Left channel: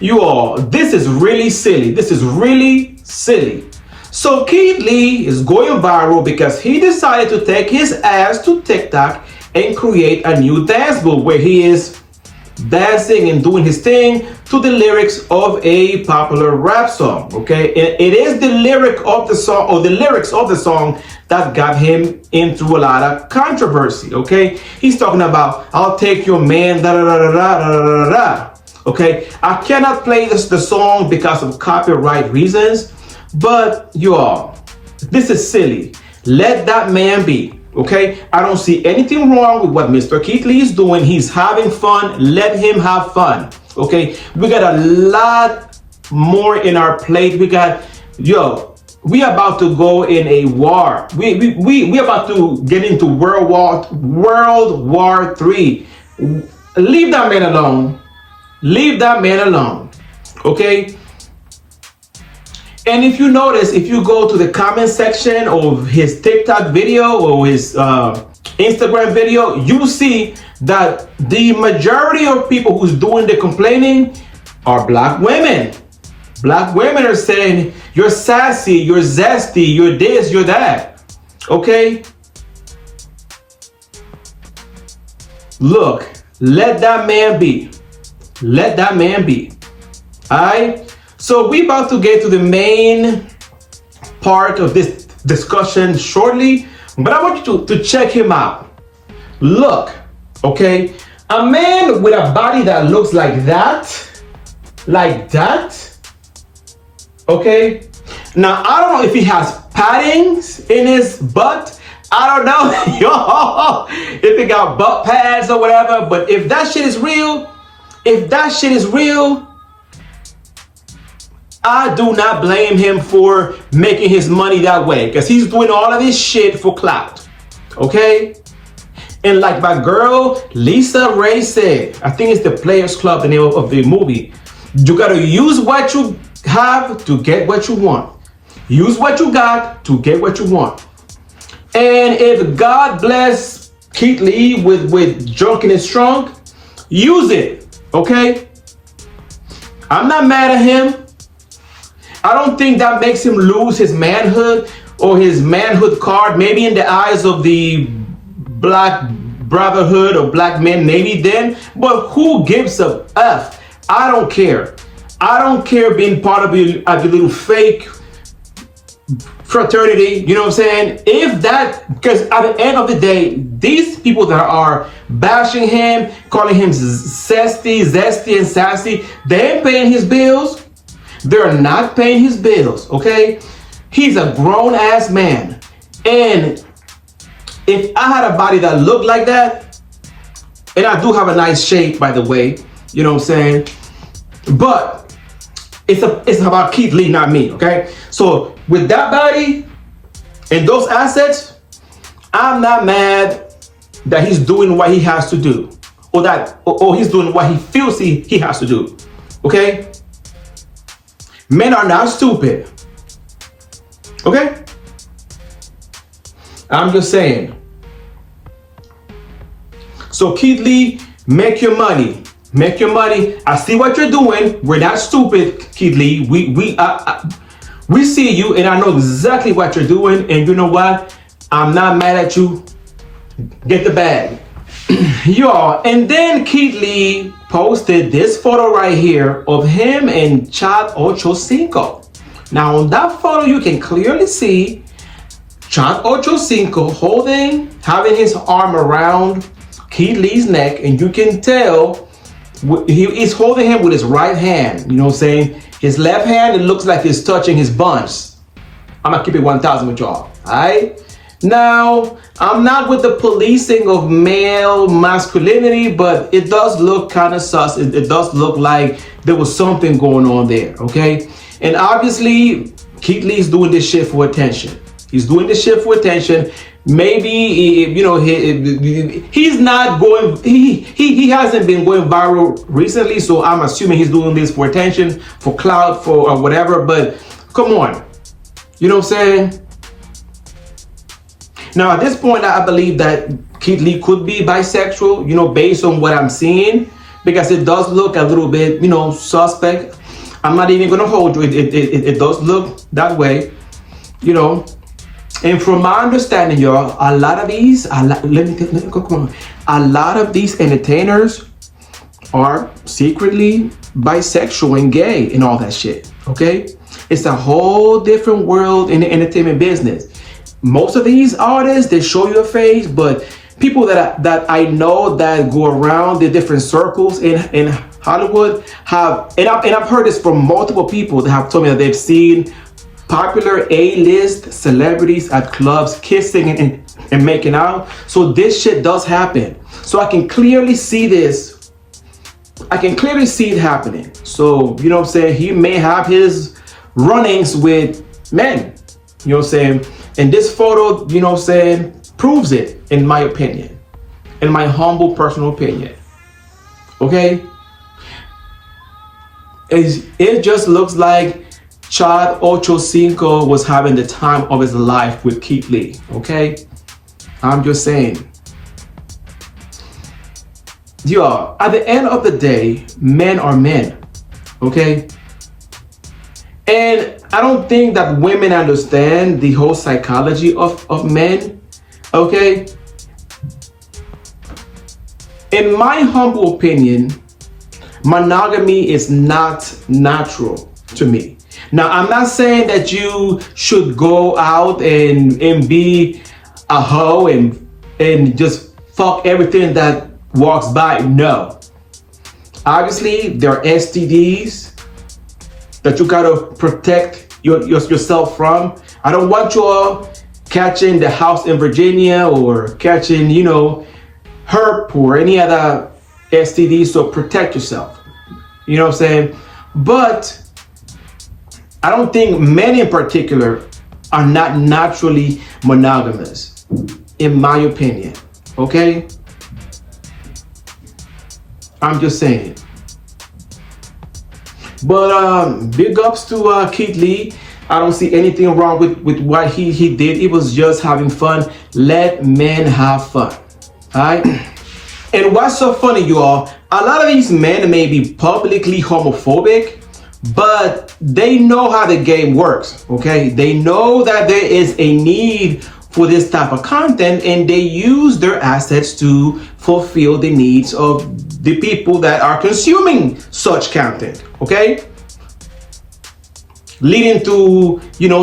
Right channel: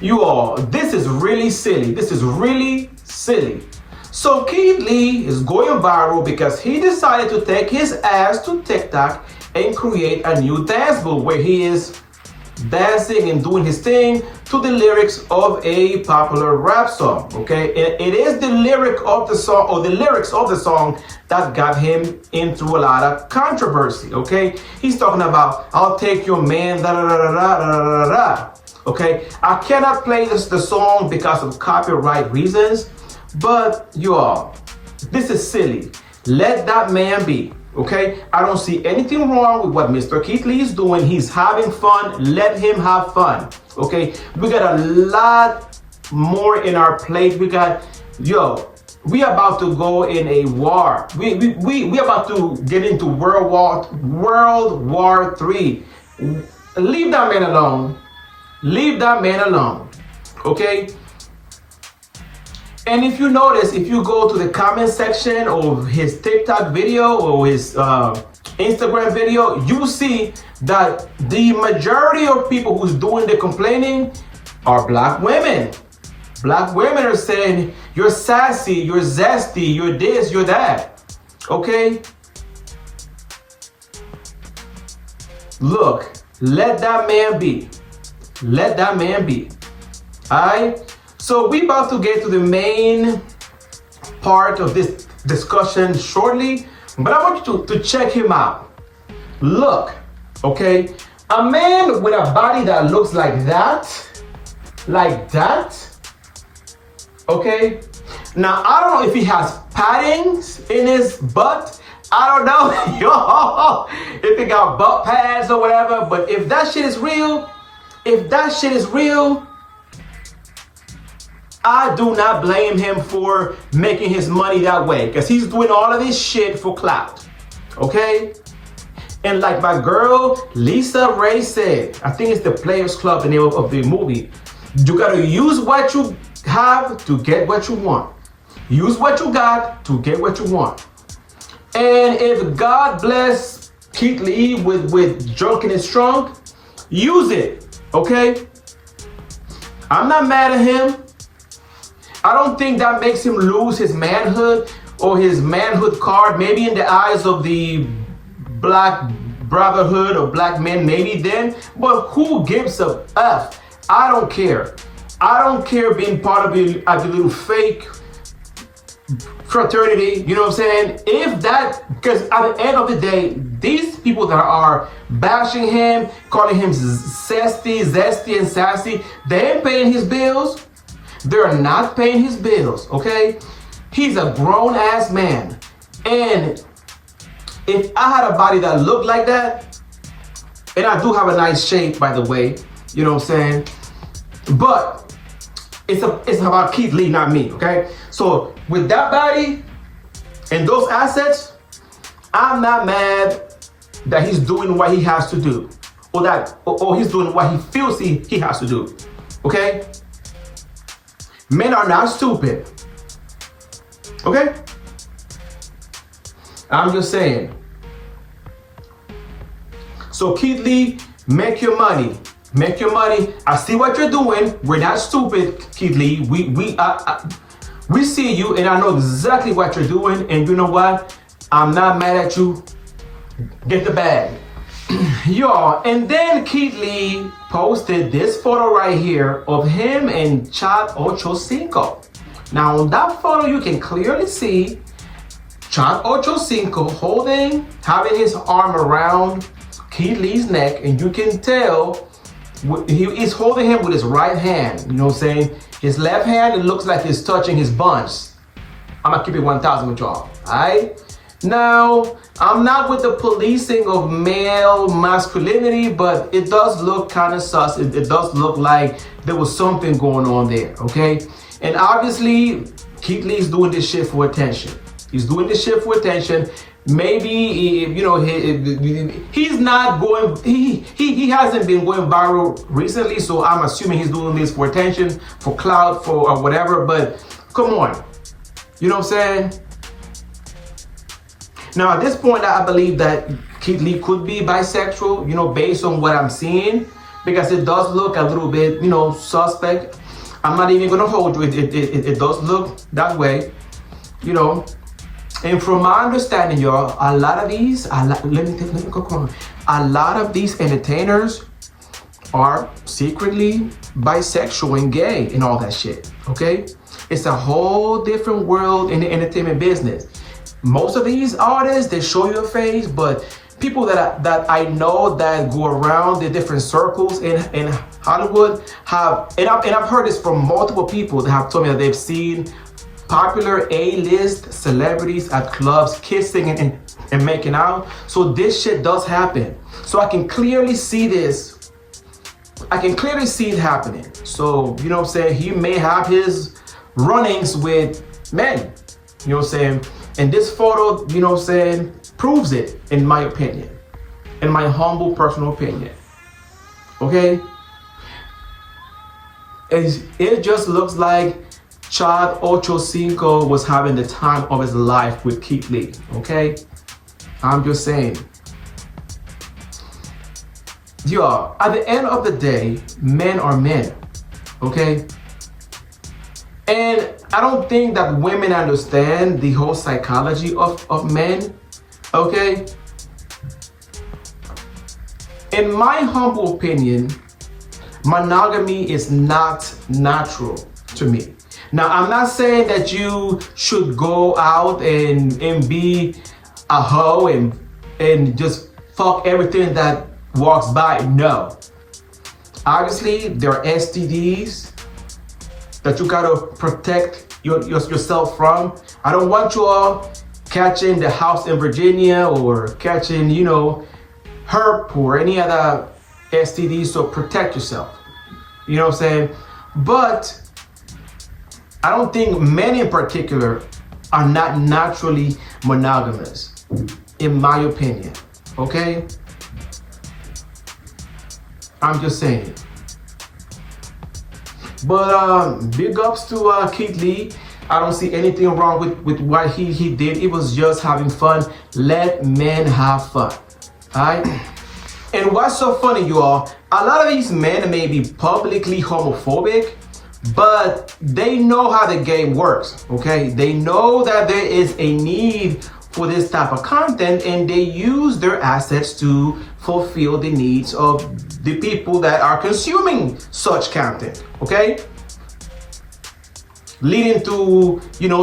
You all, this is really silly. This is really silly. So Keith Lee is going viral because he decided to take his ass to TikTok and create a new dance move where he is dancing and doing his thing to the lyrics of a popular rap song. Okay, it is the lyric of the song, or the lyrics of the song, that got him into a lot of controversy. Okay, he's talking about "I'll take your man," da da da da da da da da. Okay, I cannot play the song because of copyright reasons, but you all, this is silly. Let that man be. Okay, I don't see anything wrong with what Mr. Keith Lee is doing. He's having fun. Let him have fun. Okay, we got a lot more in our plate. We got, we about to go in a war. We about to get into World War III. Leave that man alone. Leave that man alone. Okay. And if you notice, if you go to the comment section of his TikTok video or his Instagram video, you see that the majority of people who's doing the complaining are black women. Black women are saying, you're sassy, you're zesty, you're this, you're that. Okay? Look, let that man be. Let that man be. All right? So we about to get to the main part of this discussion shortly, but I want you to check him out. Look, okay, a man with a body that looks like that, okay? Now, I don't know if he has paddings in his butt. I don't know, if he got butt pads or whatever, but if that shit is real, I do not blame him for making his money that way, because he's doing all of this shit for clout, okay? And like my girl Lisa Ray said, I think it's the Players Club, the name of the movie, you gotta use what you have to get what you want. Use what you got to get what you want. And if God bless Keith Lee with drunk in his trunk, use it, okay? I'm not mad at him. I don't think that makes him lose his manhood or his manhood card. Maybe in the eyes of the black brotherhood or black men, maybe then. But who gives a F? I don't care. I don't care being part of your little fake fraternity. You know what I'm saying? If that, because at the end of the day, these people that are bashing him, calling him zesty and sassy, they ain't paying his bills. They're not paying his bills, okay? He's a grown-ass man. And if I had a body that looked like that, and I do have a nice shape, by the way, you know what I'm saying? But it's about Keith Lee, not me, okay? So with that body and those assets, I'm not mad that he's doing what he has to do, or he's doing what he feels he has to do, okay? Men are not stupid. Okay? I'm just saying. So Keith Lee, make your money. Make your money. I see what you're doing. We're not stupid, Keith Lee. We see you, and I know exactly what you're doing. And you know what? I'm not mad at you. Get the bag. Y'all, and then Keith Lee posted this photo right here of him and Chad Ochocinco. Now on that photo, you can clearly see Chad Ochocinco having his arm around Keith Lee's neck, and you can tell he is holding him with his right hand. You know what I'm saying? His left hand, it looks like he's touching his buns. I'm gonna keep it 1,000 with y'all, all right? Now, I'm not with the policing of male masculinity, but it does look kind of sus. It does look like there was something going on there, okay? And obviously, Keith Lee's doing this shit for attention. He's doing this shit for attention. Maybe, he's not going, he hasn't been going viral recently, so I'm assuming he's doing this for attention, for clout, or whatever, but come on. You know what I'm saying? Now, at this point, I believe that Keith Lee could be bisexual, based on what I'm seeing. because it does look a little bit, suspect. I'm not even gonna hold you. It does look that way, And from my understanding, y'all, a lot of these, come on. A lot of these entertainers are secretly bisexual and gay and all that shit. Okay, it's a whole different world in the entertainment business. Most of these artists, they show you a face, but people that I know that go around the different circles in Hollywood and I've heard this from multiple people that have told me that they've seen popular A-list celebrities at clubs kissing and making out. So this shit does happen. So I can clearly see this. I can clearly see it happening. So, you know what I'm saying? He may have his runnings with men. You know what I'm saying? And this photo, you know what I'm saying, proves it, in my opinion. In my humble personal opinion. Okay? It just looks like Chad Ochocinco was having the time of his life with Keith Lee. Okay? I'm just saying. Y'all, at the end of the day, men are men. Okay? And I don't think that women understand the whole psychology of men. Okay? In my humble opinion, monogamy is not natural to me. Now, I'm not saying that you should go out and be a hoe and just fuck everything that walks by. No. Obviously, there are STDs that you gotta protect yourself from. I don't want you all catching the house in Virginia or catching, herp or any other STDs, so protect yourself. You know what I'm saying? But I don't think men in particular are not naturally monogamous, in my opinion. Okay? I'm just saying. But big ups to Keith Lee. I don't see anything wrong with what he did. He was just having fun. Let men have fun. Alright? And what's so funny, you all, a lot of these men may be publicly homophobic, but they know how the game works. Okay? They know that there is a need for this type of content, and they use their assets to fulfill the needs of the people that are consuming such content, okay? Leading to,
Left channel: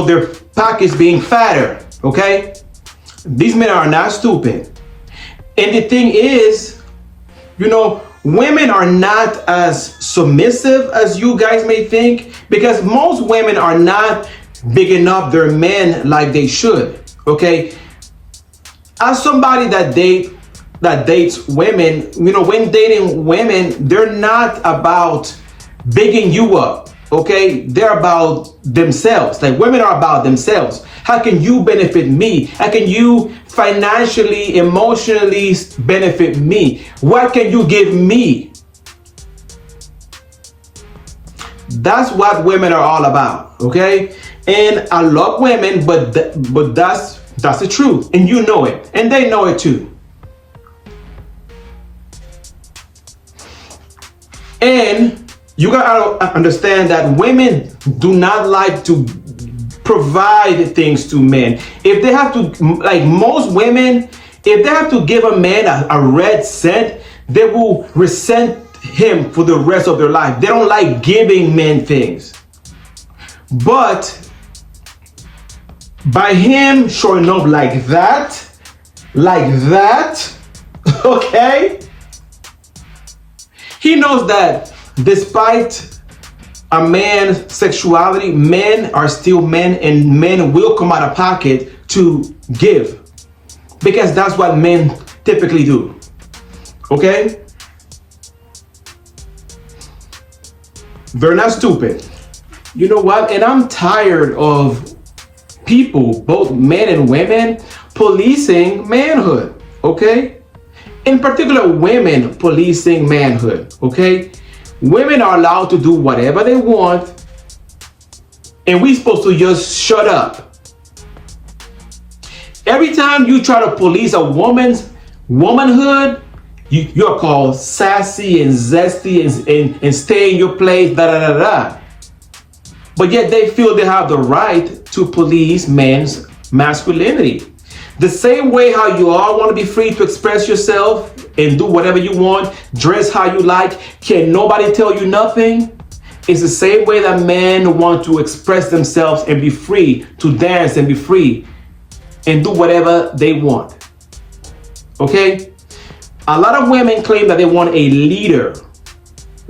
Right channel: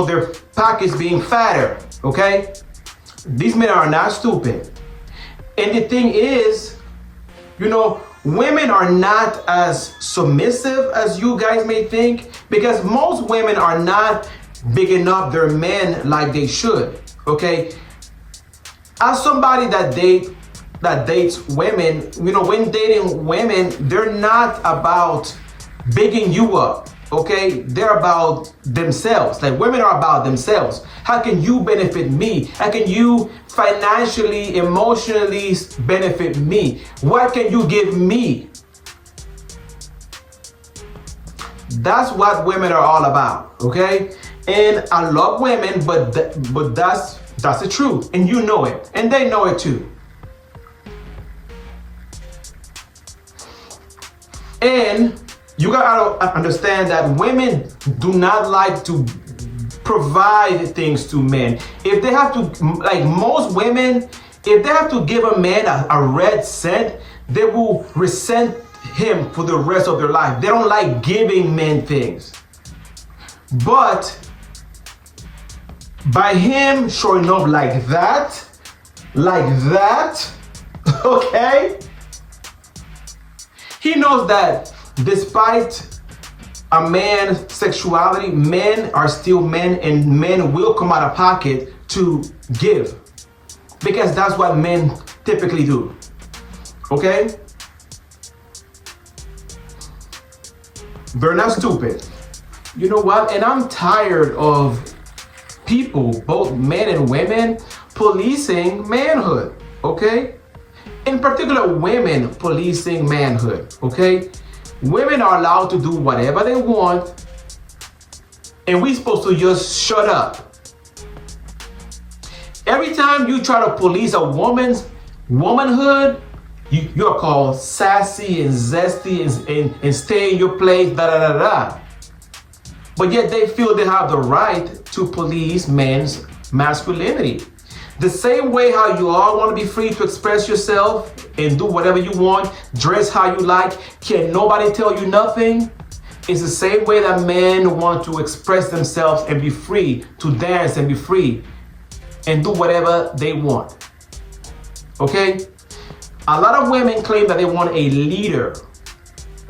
their pockets being fatter, okay? These men are not stupid. And the thing is, women are not as submissive as you guys may think, because most women are not bigging up their men like they should. Okay, as somebody that dates women, when dating women, they're not about bigging you up. Okay, they're about themselves. Like, women are about themselves. How can you benefit me? How can you financially, emotionally benefit me? What can you give me? That's what women are all about. Okay. And I love women, but that's the truth, and you know it, and they know it too. And you gotta understand that women do not like to provide things to men. If they have to, like most women, if they have to give a man a red cent, they will resent him for the rest of their life. They don't like giving men things. But by him showing up like that, okay? He knows that despite a man's sexuality, men are still men, and men will come out of pocket to give. Because that's what men typically do, okay? They're not stupid. You know what? And I'm tired of people, both men and women, policing manhood, okay? In particular, women policing manhood, okay? Women are allowed to do whatever they want, and we're supposed to just shut up. Every time you try to police a woman's womanhood, You are called sassy and zesty and stay in your place, da da da da. But yet they feel they have the right to police men's masculinity. The same way how you all want to be free to express yourself and do whatever you want, dress how you like, can nobody tell you nothing? It's the same way that men want to express themselves and be free to dance and be free and do whatever they want. Okay? A lot of women claim that they want a leader.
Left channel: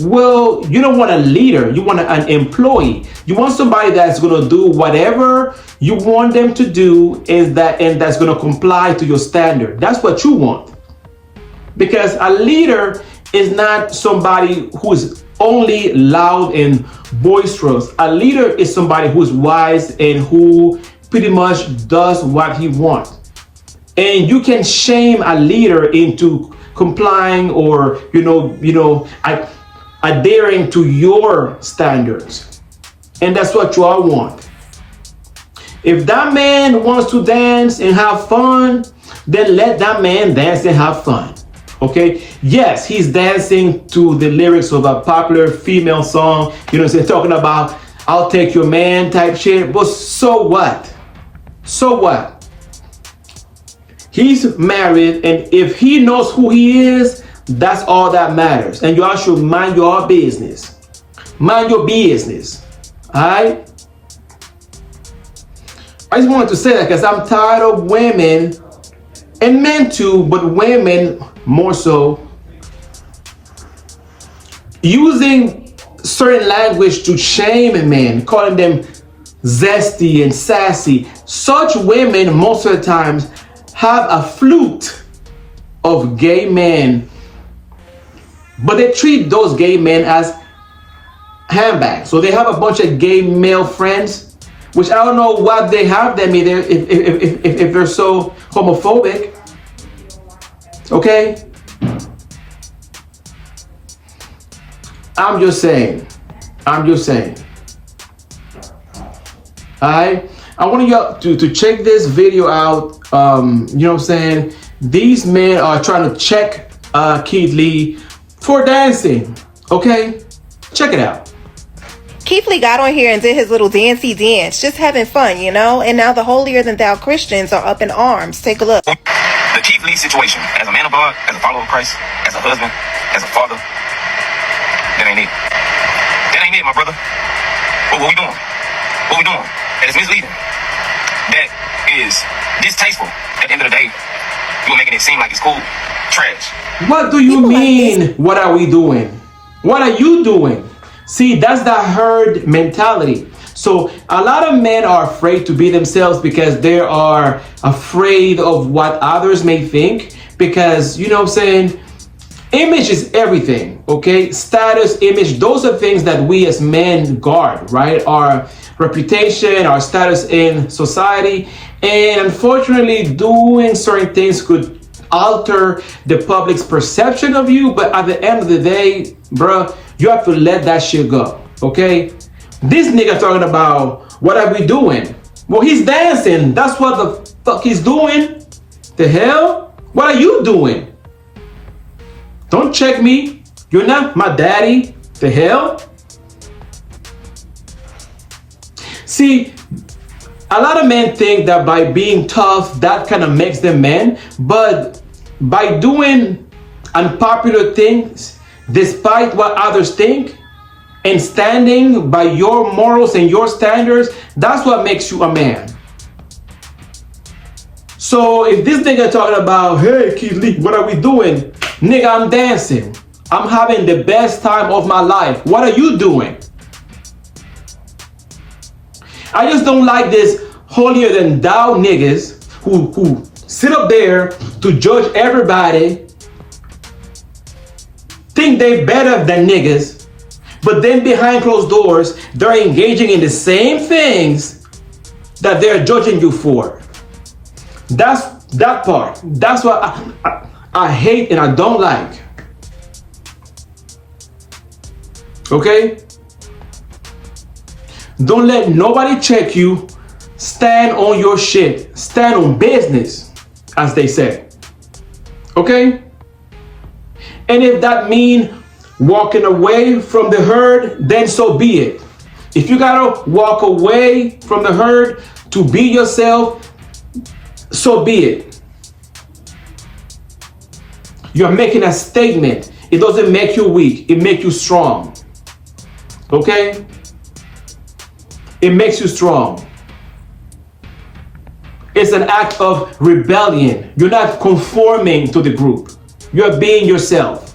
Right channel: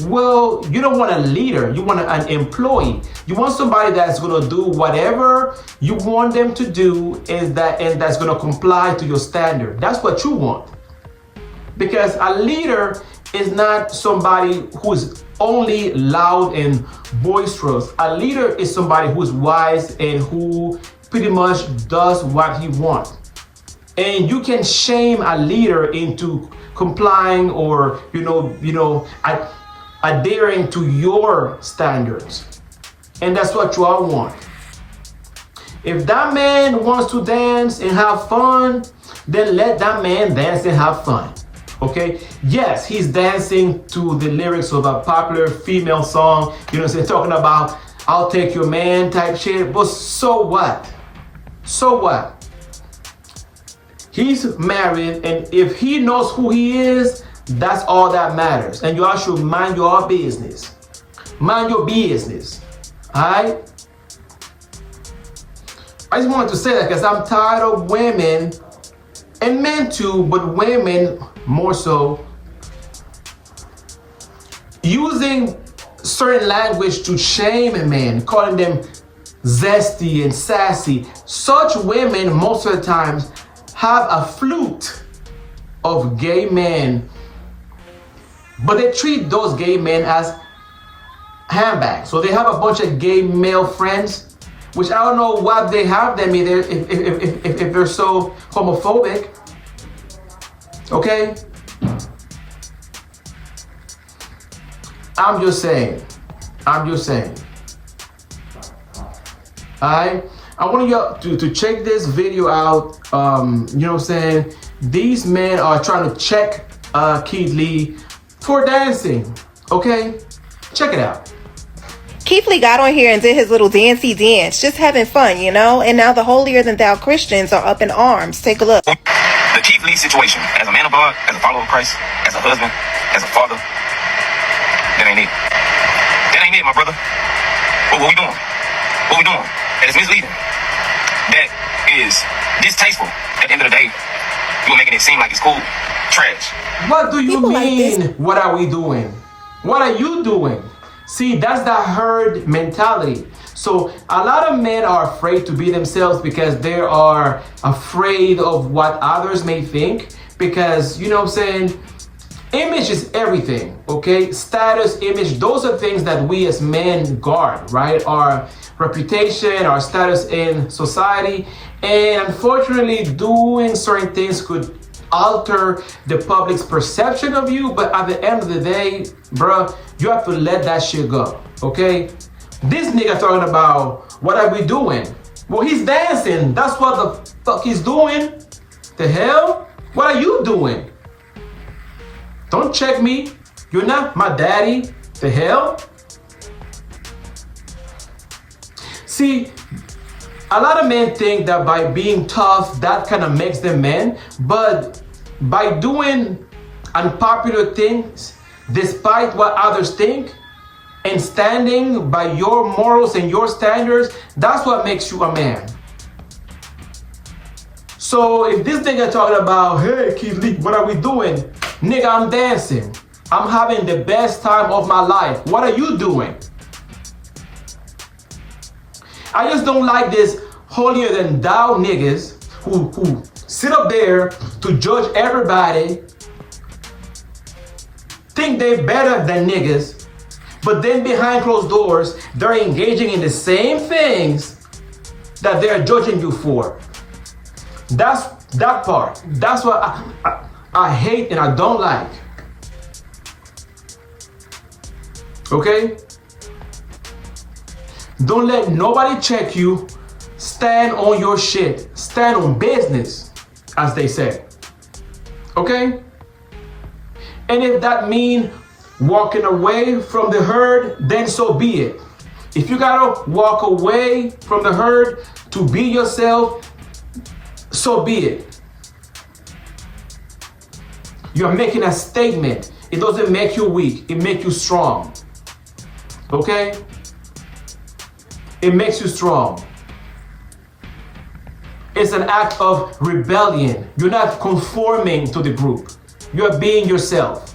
Well, you don't want a leader, you want an employee. You want somebody that's gonna do whatever you want them to do and that's gonna comply to your standard. That's what you want. Because a leader is not somebody who's only loud and boisterous. A leader is somebody who's wise and who pretty much does what he wants. And you can shame a leader into complying or adhering to your standards. And that's what you all want. If that man wants to dance and have fun, then let that man dance and have fun. Okay? Yes, he's dancing to the lyrics of a popular female song, talking about I'll take your man type shit. But so what? So what? He's married, and if he knows who he is, that's all that matters. And y'all should mind your business. Mind your business. Alright? I just wanted to say that because I'm tired of women, and men too, but women more so, using certain language to shame men, calling them zesty and sassy. Such women most of the times have a flute of gay men, but they treat those gay men as handbags. So they have a bunch of gay male friends, which I don't know what they have them either if they're so homophobic. Okay? I'm just saying. Alright? I want you to check this video out. You know what I'm saying? These men are trying to check Keith Lee for dancing. Okay? Check it out. Keith Lee got on here and did his little dancey dance, just having fun, and now the holier-than-thou Christians are up in arms. Take a look. The Keith Lee situation, as a man of God, as a follower of Christ, as a husband, as a father, that ain't it. That ain't it, my brother. What we doing? What we doing? That is misleading. That is distasteful. At the end of the day, you are making it seem like it's cool. Trash. What do you mean? What are we doing? What are you doing? See, that's the herd mentality. So a lot of men are afraid to be themselves because they are afraid of what others may think. Because, image is everything, okay? Status, image, those are things that we as men guard, right? Our reputation, our status in society. And unfortunately, doing certain things could alter the public's perception of you. But at the end of the day, bruh, you have to let that shit go, okay? This nigga talking about, what are we doing? Well, he's dancing. That's what the fuck he's doing. The hell? What are you doing? Don't check me. You're not my daddy. The hell? See, a lot of men think that by being tough, that kind of makes them men. But by doing unpopular things, despite what others think, and standing by your morals and your standards, that's what makes you a man. So if this nigga talking about, hey, Keith Lee, what are we doing? Nigga, I'm dancing. I'm having the best time of my life. What are you doing? I just don't like this holier than thou niggas who sit up there to judge everybody, think they better than niggas, but then behind closed doors, they're engaging in the same things that they're judging you for. That's that part. That's what I hate and I don't like. Okay? Don't let nobody check you. Stand on your shit. Stand on business, as they say. Okay? And if that means walking away from the herd, then so be it. If you gotta walk away from the herd to be yourself, so be it. You're making a statement. It doesn't make you weak, it makes you strong. Okay? It makes you strong. It's an act of rebellion. You're not conforming to the group. You're being yourself.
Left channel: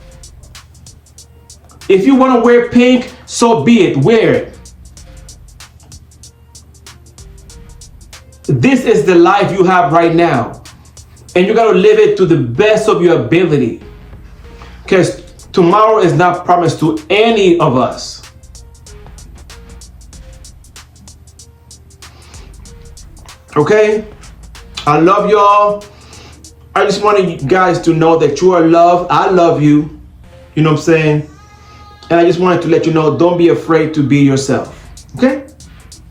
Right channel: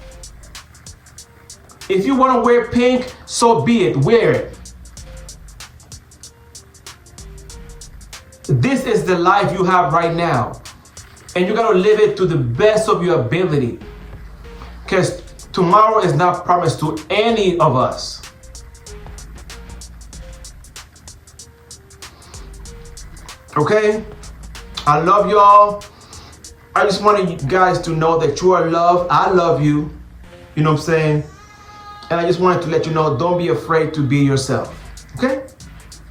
If you want to wear pink, so be it. Wear it. This is the life you have right now. And you got to live it to the best of your ability. Because tomorrow is not promised to any of us. Okay? I love y'all. I just want you guys to know that you are loved. I love you. You know what I'm saying? And I just wanted to let you know, don't be afraid to be yourself. Okay?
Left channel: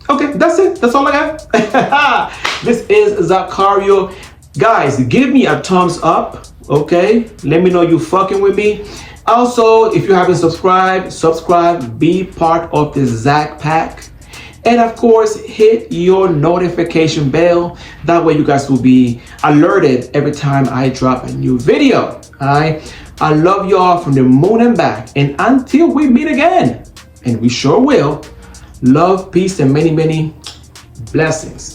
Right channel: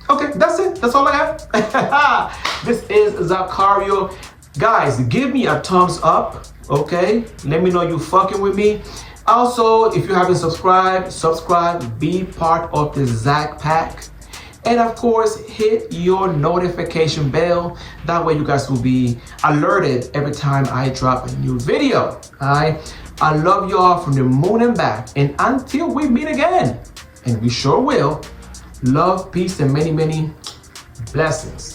Okay, that's it. That's all I got. This is Zaccario. Guys, give me a thumbs up. Okay? Let me know you fucking with me. Also, if you haven't subscribed, subscribe. Be part of the Zac Pack. And of course, hit your notification bell. That way you guys will be alerted every time I drop a new video. Alright? I love y'all from the moon and back. And until we meet again, and we sure will, love, peace, and many, many blessings.